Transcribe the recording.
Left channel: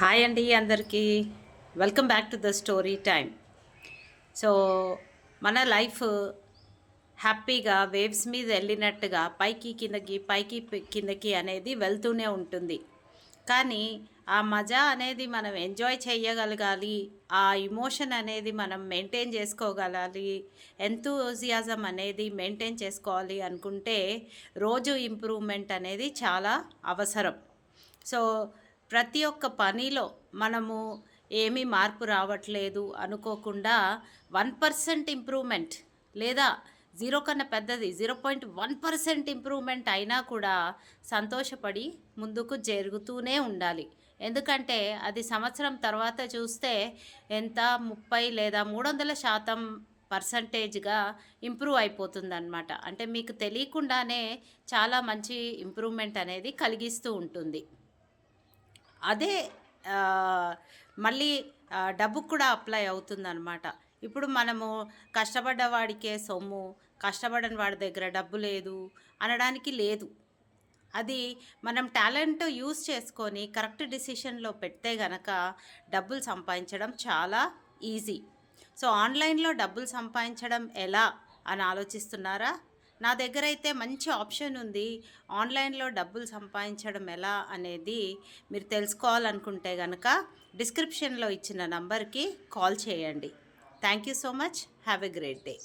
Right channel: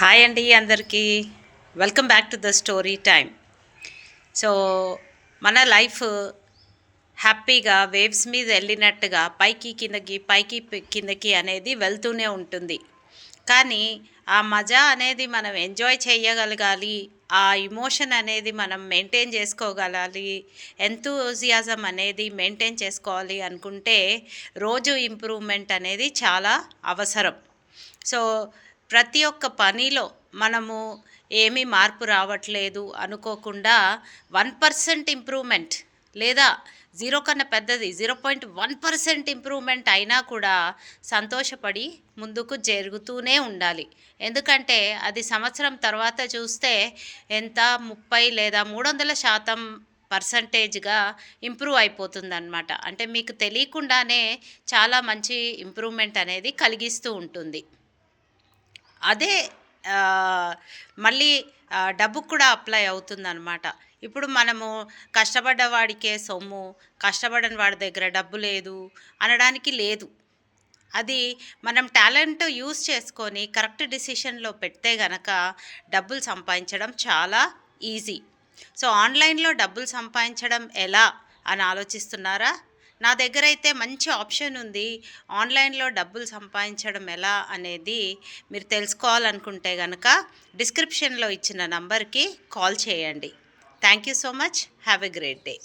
Hi అండి అందరికీ welcome back to the story time. So మన లైఫ్ హ్యాపీగా వేవ్స్ మీద వెళ్ళినట్టుగా పైకి కిందకి కిందకి అనేది వెళ్తూనే ఉంటుంది. కానీ ఆ మజా అనేది మనం ఎంజాయ్ చేయగలగాలి, ఆ ఇమోషన్ అనేది మనం మెయింటైన్ చేసుకోగలాలి, ఎంతూజియాజం అనేది మెయింటైన్ చేసుకోవాలి అనుకుంటే రోజు ఇంప్రూవ్మెంట్ అనేది చాలా అవసరం. సో ప్రతి ఒక్క పనిలో మనము ఏమీ మార్పు రావట్లేదు అనుకోకుండా 1% ఇంప్రూవ్మెంట్ లేదా జీరో కన్నా పెద్దది 0.1% ఇంప్రూవ్మెంట్ అయినా కూడా సంతోషపడి ముందుకు జరుగుతూనే ఉండాలి. ఎందుకంటే అది సంవత్సరం తర్వాత చూస్తే ఎంత 30 లేదా 300% పర్సంటేజ్గా ఇంప్రూవ్ అయిపోతుందన్నమాట. అంటే మీకు తెలియకుండానే చాలా మంచి ఇంప్రూవ్మెంట్ అనేది కలిగిస్తూ ఉంటుంది. అదే మళ్ళీ డబ్బుకు కూడా అప్లై అవుతుందన్నమాట. ఇప్పుడు మనము కష్టపడ్డ వాడికే సొమ్ము, కష్టపడని వాడి దగ్గర డబ్బు లేదు అనడానికి లేదు. అది మనం టాలెంట్ యూజ్ చేసుకొని కరెక్ట్ డిసిషన్లో పెడితే గనక డబ్బులు సంపాదించడం చాలా ఈజీ. సో ఆన్లైన్లో డబ్బులు సంపాదించడం ఎలా అని ఆలోచిస్తున్నారా? నా దగ్గర అయితే మంచి ఆప్షన్ ఉంది. ఆన్లైన్లో డబ్బులు సంపాదించడం ఎలా అనేది మీరు తెలుసుకోవాలనుకుంటే కనుక డిస్క్రిప్షన్లో ఇచ్చిన నంబర్కి కాల్ చేయండి. Thank you so much. Have a great day.